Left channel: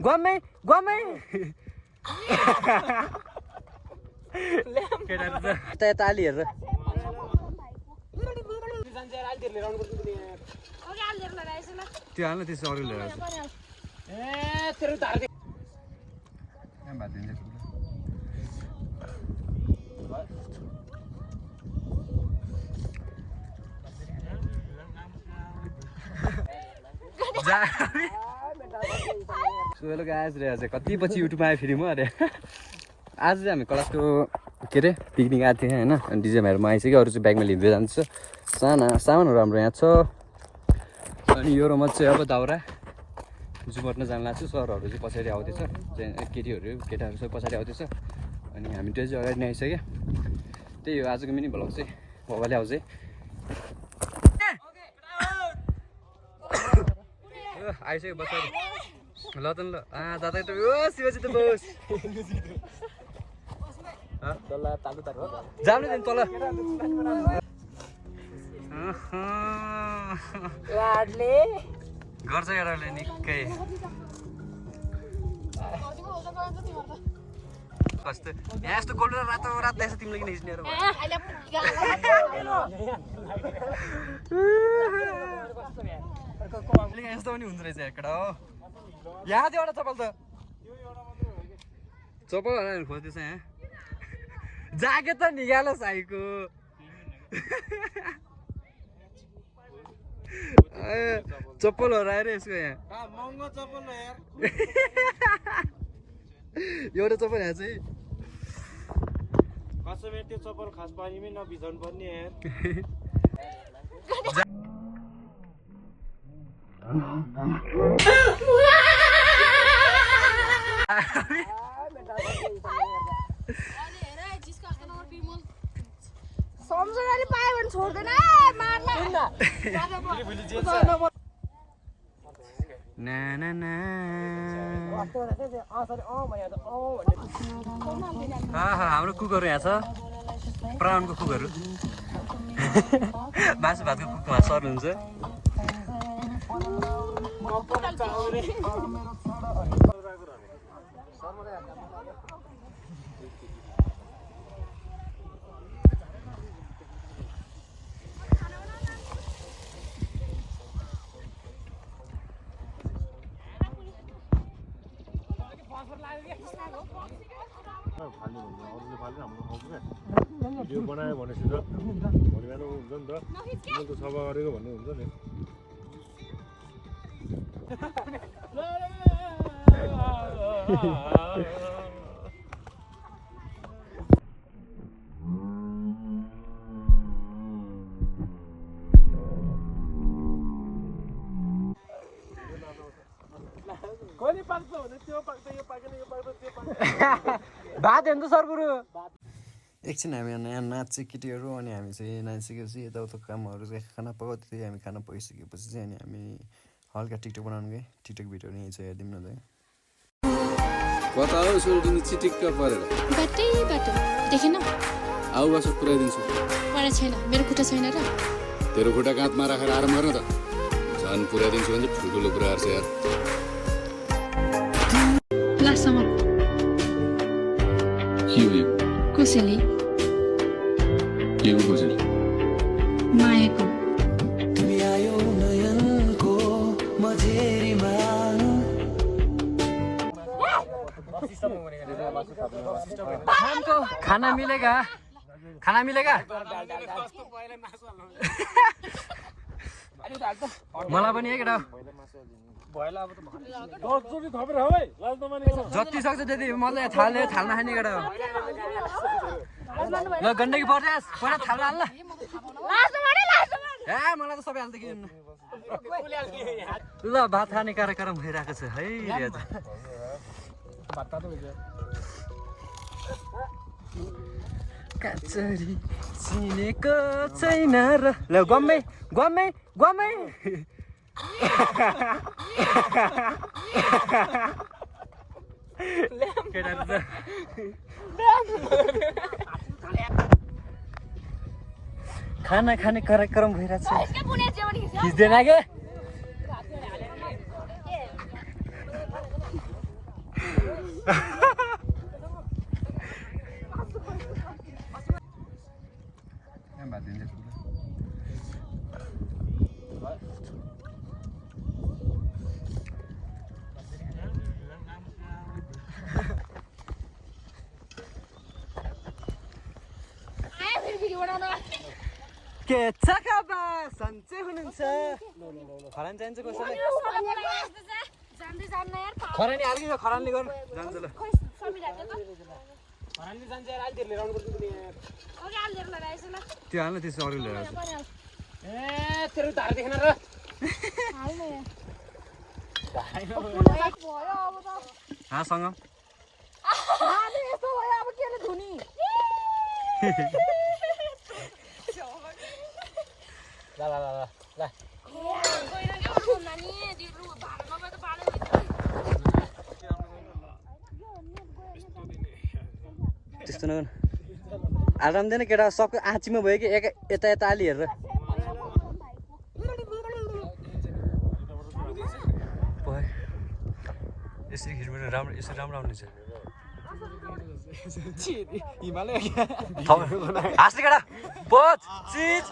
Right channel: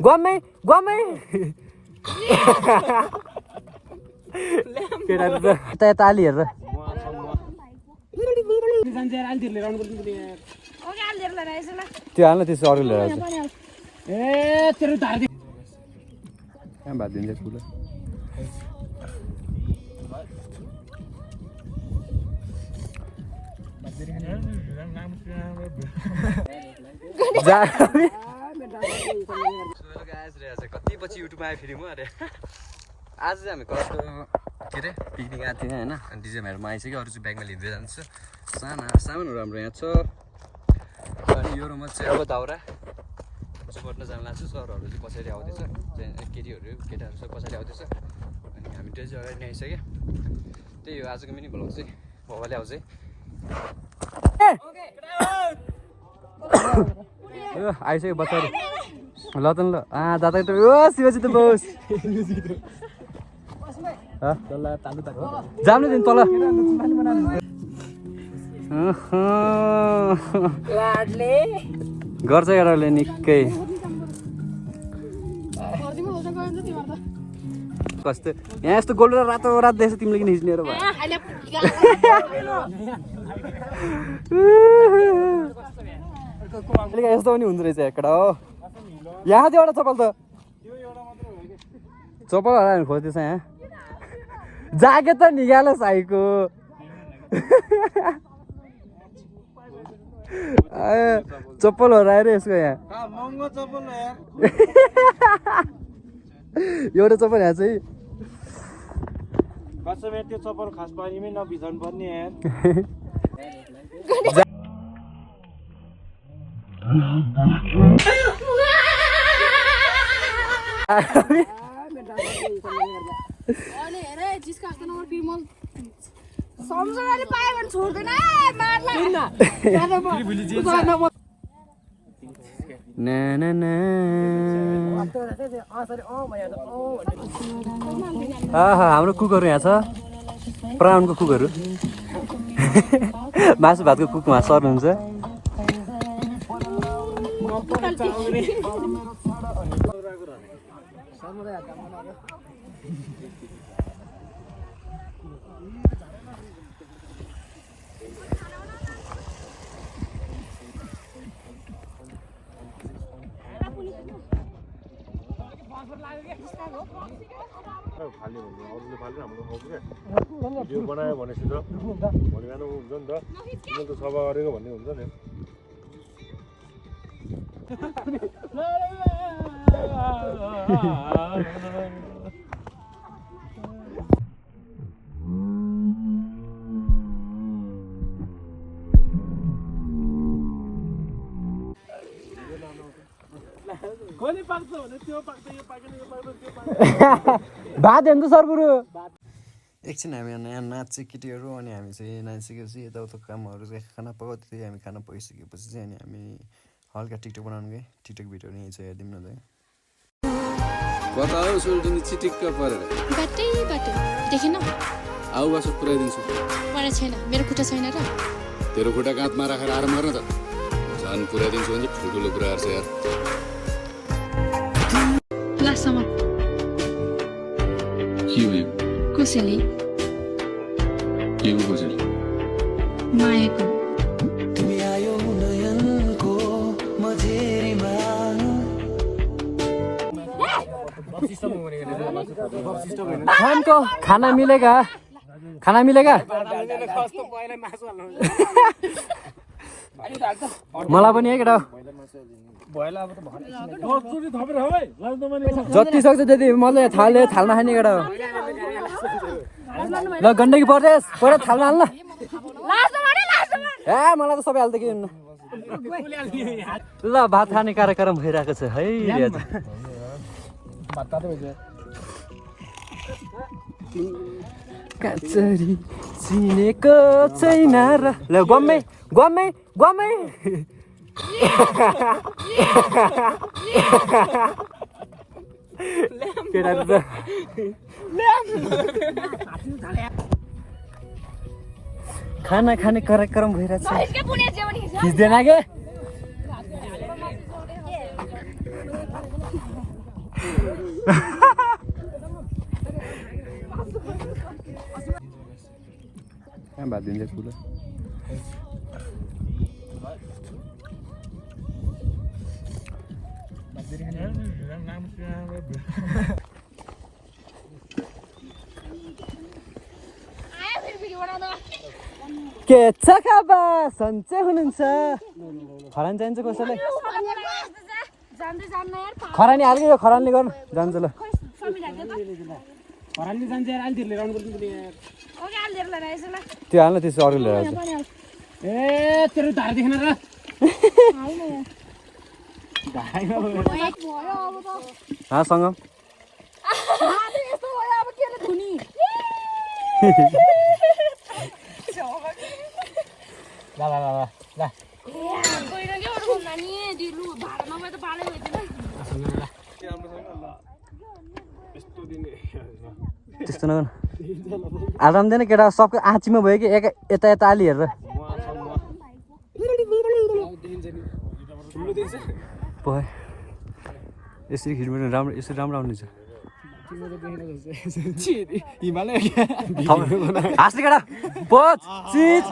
Guamai, guamai. केटाहरु त यता आली हेरेर त्यो हाल्न त्यसो अरू लिएर आउँछ कहाँ भात दिन्छ ठुलो कति पछि युट्युबमा आयो फेरि म अरे आज चाहिँ हामी क्लासको के अरे पिकनिक आएको थियौँ होइन अनि डिजेमाहरूमा आइसक्यो अरू चाहिँ ब्यागमा लिँदै जान्छ सामानहरू हाम्रो यहाँ छ अनि यो रोमा चाहिँ अब दाउरा जुमट्न जान लाग्छु सरहरू चाहिँ पछाडि आउँदैछ केटाहरू चाहिँ पछाडि आउँदैछ अनि हामी त्यो चाहिँ अगाडि नै आइसक्यो त्यही हो आजको मिनी भ्लग चाहिँ भवाले आउँछ आइसक्यो पछाडि ल त ल दादा त ओ शिवजी त बोस जानु दिन तल गर्छ केटाले निकै कस्तो यहाँ यस्तो गोल्ड र रातो रात देख्छ तिमीले किन हिँड्ने भयो यस्तो पनि हुँदो रहेछ एकटा हो यहाँ थियो एउटा चप्पल त चप्पल हरायो खोज्दैछ यहाँ ज्याकेट त निकाल साईको चप्पल हराएर यसको यहाँ एउटा चप्पल यहाँ चाहिँ त्यो चप्पल खास पानीमै नभिजाउनु पर्ने हाम्रो कुकहरू यहाँ छ प्राउनको कुकहरू मासु भातको कुकमा सर्नुहुन्छ भिडियो बनायो भनेपछि त भोलि बिहान हुन्छ नि त तिमीले त सभा गरेको भन्ने हुन्छ नि भात हेर्नु सर गुरु एकछिन हामी नयाँ नाच्छ केटीहरू अनि हामी चाहिँ नाचिसकेपछि यताउता कामहरू चाहिँ खाना पकाउँदै हामी खाना पकाइसकेपछि चाहिँ अनि हामी हल्का टिकटक बनाउनु गएँ टिकटक भिडियोहरू यहीँ चाहिँ हेरिदिउँ न त बताओ सोल्टिनी चिटिक्क परेर बाटै बाटो देखेन आउ बस पुऱ्याइदिन्छु पढा छैन मेरो खुट्टा छैन र तेरो खुट्टा काँधमा राखेर आराम गर्न त झन् पुऱ्याइदिन्छु भने चाहिँ ठुल्ठुलो कुराहरू छ यार लासम्म के हो यो कसैले के हो कसैले मायाको खानको खाना मिलेगा खाना मिलेगा मलाई पनि है केटा जति सक्छ त्यति मलाई थाल्न खाने केटा हो ल गण्डकी परदेश परे थाल्न हाल्न ए मलाई त सबै हाल्दै के ल भात खाने कार्यक्रम भइरहेको छ है काचरी चिनेको छैन र ल गम्मै गम्मै गम्मै केटाहरु त खाना खाने कार्यक्रम भइरहेछ खिच्दैन के कहाँ भात दिन्छ ठुलो के छ खाबा सन्चै हुनुहुन्छ खरानी चाहिन्छ कसैलाई खरानी हाल्यो यो खरानीले गर्नु जान्छ ल त्यो हाल्न त्यसो अरू लिएर आउँछ सँग त्यस्तो नगर्नु आराम दिने केटा सबको आँचीमा भयो कि एक यता यता अलि हेरेर भयो यसरी खिच्नु राम्रो यसरी राम्रो आउने छ हाँस्ने केटा पोच चिज